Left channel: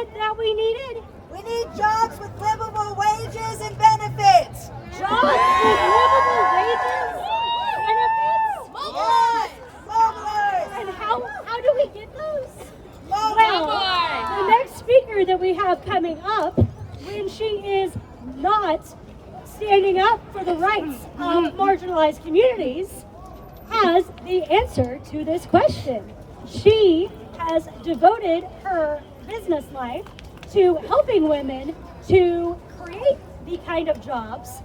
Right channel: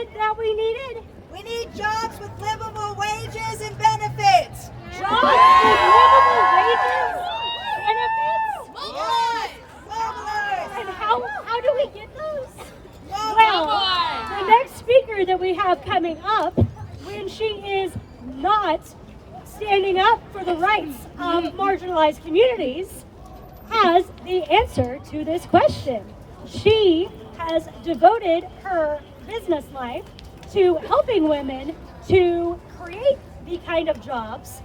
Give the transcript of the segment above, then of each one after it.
said that we needed? We need jobs with livable wages and benefits. Jobs with livable wages, benefits? Yes, mobilize. And how do we get those? Mobilize. Well, the next speaker that we have coming up, when she is not standing up for the rights of marginalized communities, has the answer to this question. She has devoted her business life to helping women to create the kind of jobs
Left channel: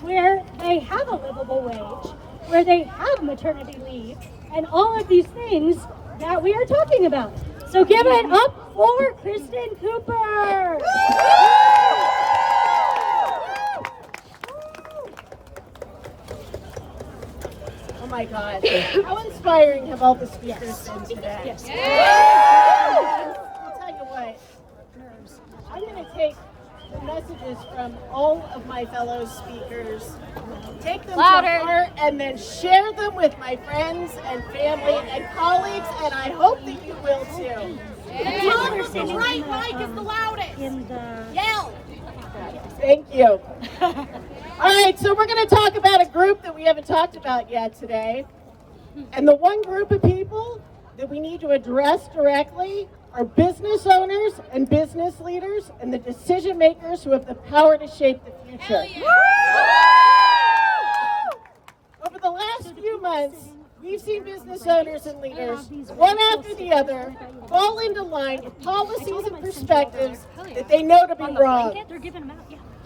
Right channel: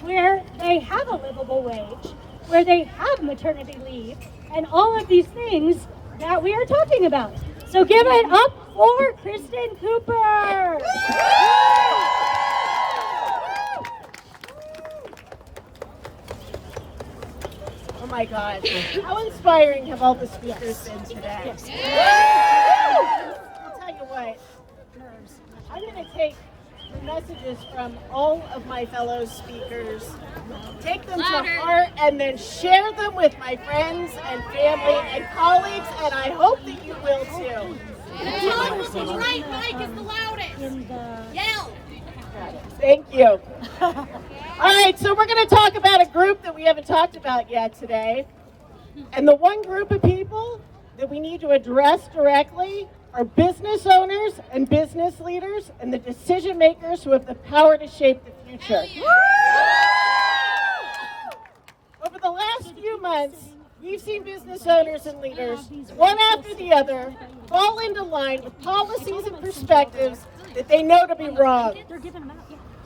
where they have a livable wage, where they have maternity leave, and all of these things that we are talking about. So give it up for Kristen Cooper. Oh my God, how inspiring have all the speakers been today? I'll tell you what, I'm going to take the messages from all of my fellow speakers, take them to heart, and then share them with my friends and family and colleagues, and I hope that you will too. The right mic is the loudest. Yell. Thank you. All right, so we're going to talk about a group that we haven't talked about yet today. And the one group of people that we need to address directly are business owners and business leaders and the decision makers who have the power to shape the future. Over the last few months, we've seen business owners and leaders, one after the other, fall into line with policies and perspectives that they know to be wrong.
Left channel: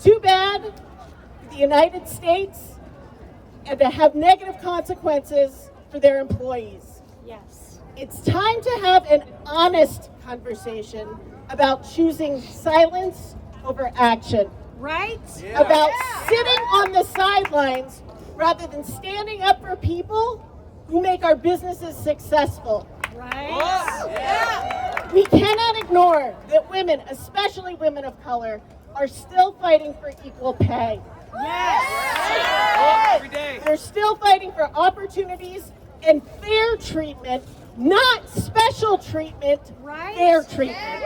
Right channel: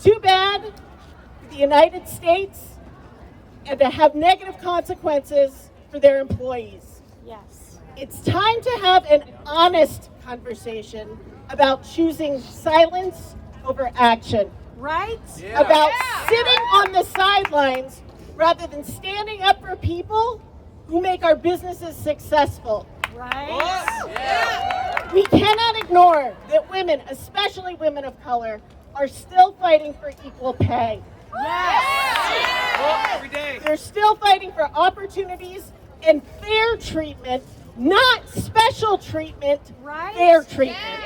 Too bad for the United States and to have negative consequences for their employees. Yes. It's time to have an honest conversation about choosing silence over action. Right? About sitting on the sidelines rather than standing up for people who make our businesses successful. Right? We cannot ignore that women, especially women of color, are still fighting for equal pay. Every day. They're still fighting for opportunities and fair treatment, not special treatment, fair treatment.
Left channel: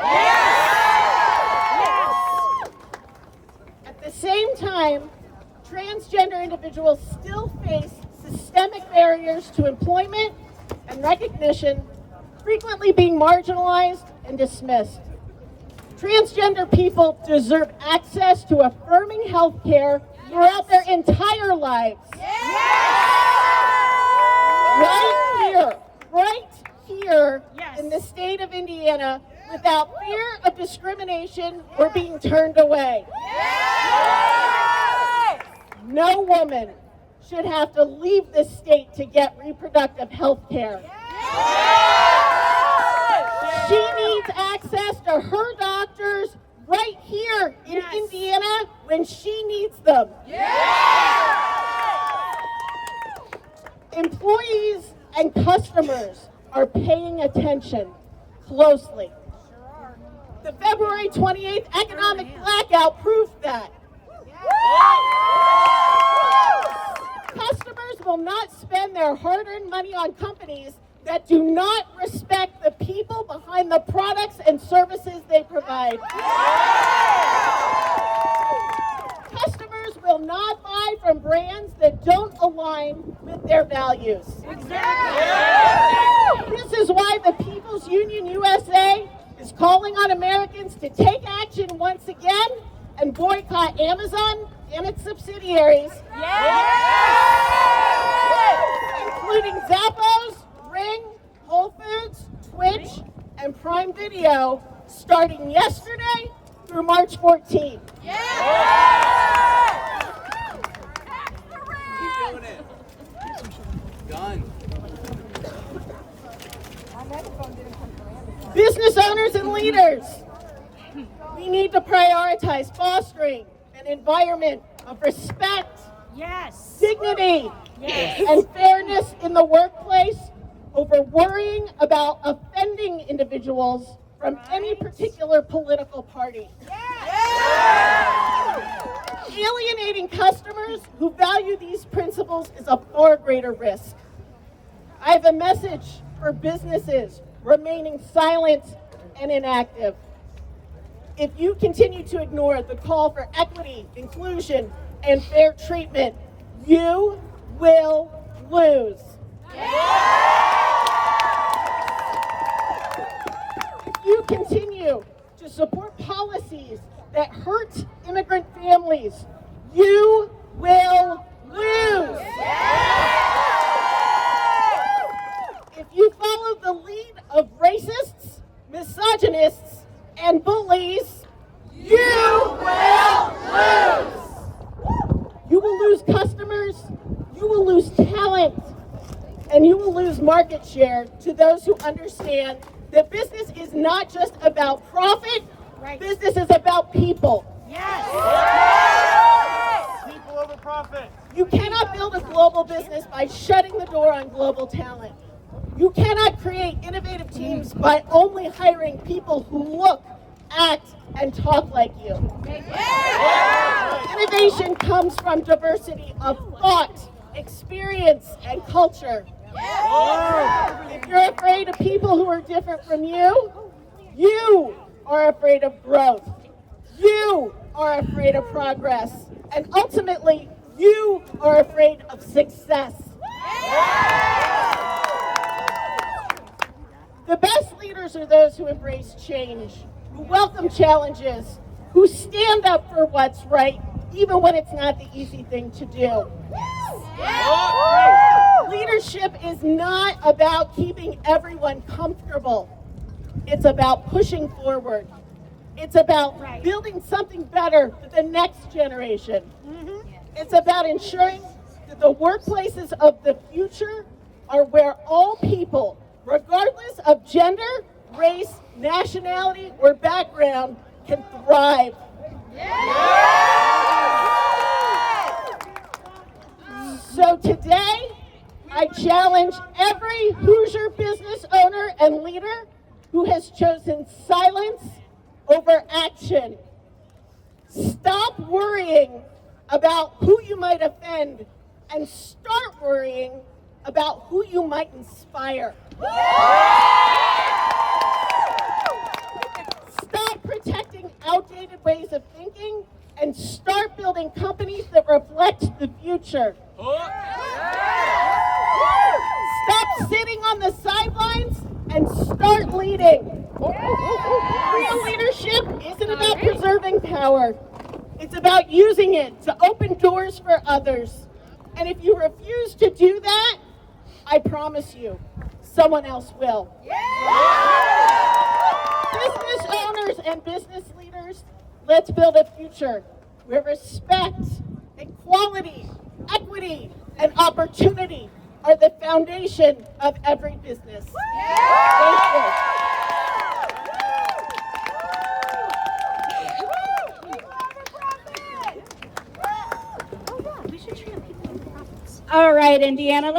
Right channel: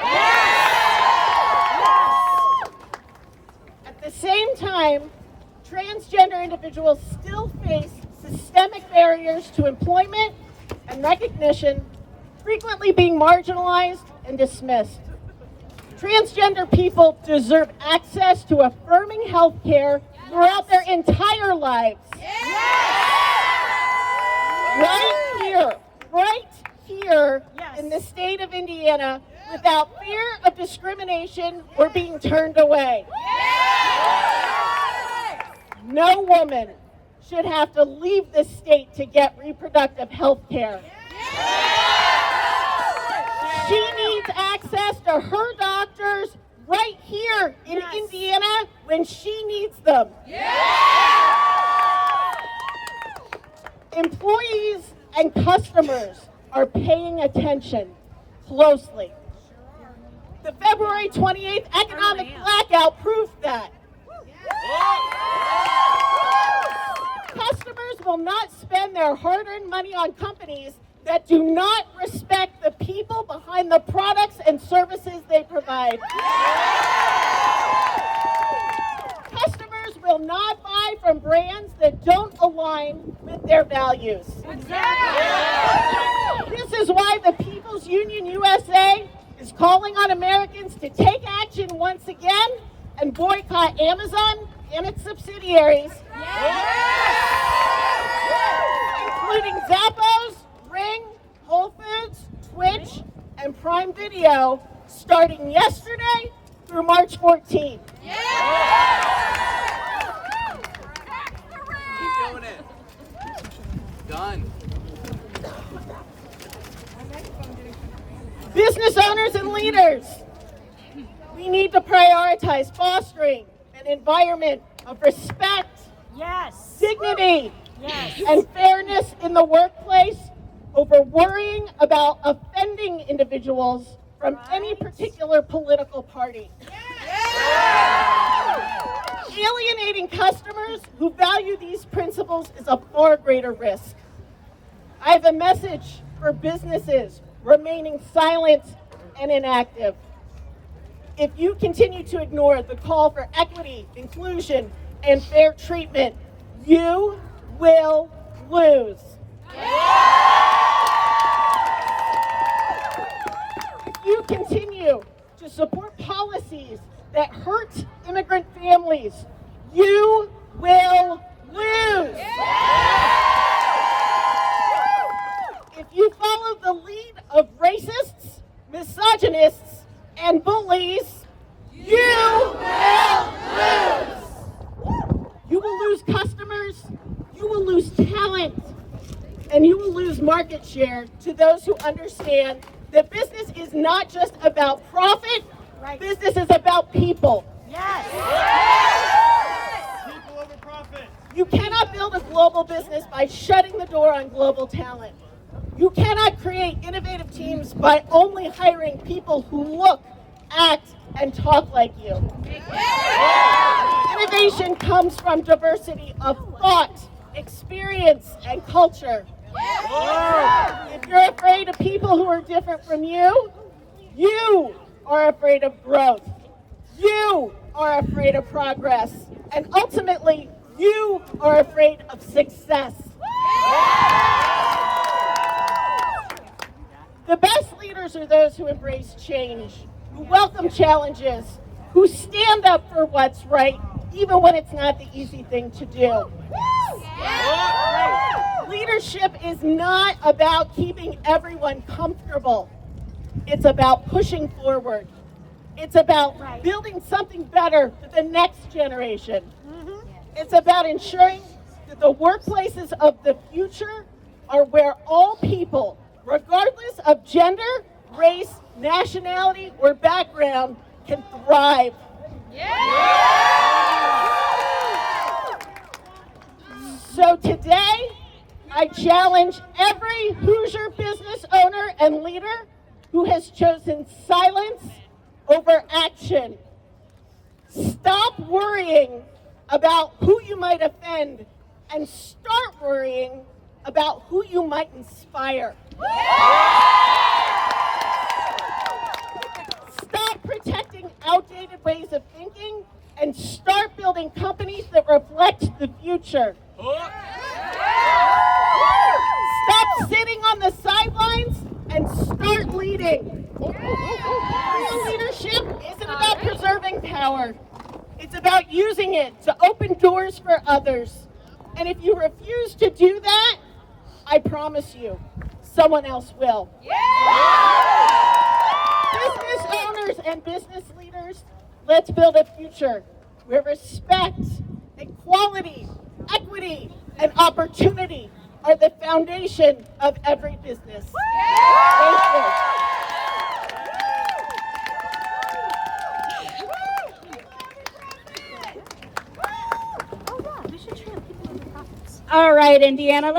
At the same time, transgender individuals still face systemic barriers to employment and recognition, frequently being marginalized and dismissed. Transgender people deserve access to affirming health care throughout their entire lives. Right here in the state of Indiana, without fear of discrimination or being turned away. No woman should have to leave the state to get reproductive health care. She needs access to her doctors right here in Indiana when she needs them. Employees and customers are paying attention closely. The February 28th economic blackout proved that. Customers will not spend their hard-earned money on companies that do not respect the people behind the products and services they provide. Customers will not buy from brands that don't align with their values. This is why the People's Union USA is calling on Americans to take action once again and boycott Amazon and its subsidiaries, including Zappos, Ring, Whole Foods, Twitch, and Prime Video, starting yesterday through March 14th. Keep doing it. Done. Business owners and leaders, we need to prioritize fostering an environment of respect, dignity, and fairness in the workplace over worrying about offending individuals from any particular political party. Alienating customers who value these principles is a far greater risk. I have a message for businesses remaining silent and inactive. if you continue to ignore the call for equity, inclusion, and fair treatment, you will lose. If you continue to support policies that hurt immigrant families, you will lose. If you follow the lead of racists, misogynists, and bullies, you will lose. You will lose customers, you will lose talent, and you will lose market share to those who understand that business is not just about profit, business is about people. People over profit. You cannot build a global business by shutting the door on global talent. You cannot create innovative teams by only hiring people who look, act, and talk like you. Innovation comes from diversity of thought, experience, and culture. If you're afraid of people who are different from you, you are afraid of growth. You are afraid of progress. And ultimately, you are afraid of success. The best leaders are those who embrace change, who welcome challenges, who stand up for what's right, even when it's not the easy thing to do. Leadership is not about keeping everyone comfortable. It's about pushing forward. It's about building something better for the next generation. It's about ensuring that the workplaces of the future are where all people, regardless of gender, race, nationality, or background, can thrive. So today, I challenge every Hoosier business owner and leader who has chosen silence over action. Stop worrying about who you might offend and start worrying about who you might inspire. Stop protecting outdated ways of thinking and start building companies that reflect the future. Stop sitting on the sidelines and start leading. Real leadership isn't about preserving power. It's about using it to open doors for others. And if you refuse to do that, I promise you, someone else will. Business owners and business leaders, let's build a future where respect, equality, equity, and opportunity are the foundation of every business. Thank you. All right, Indiana, let's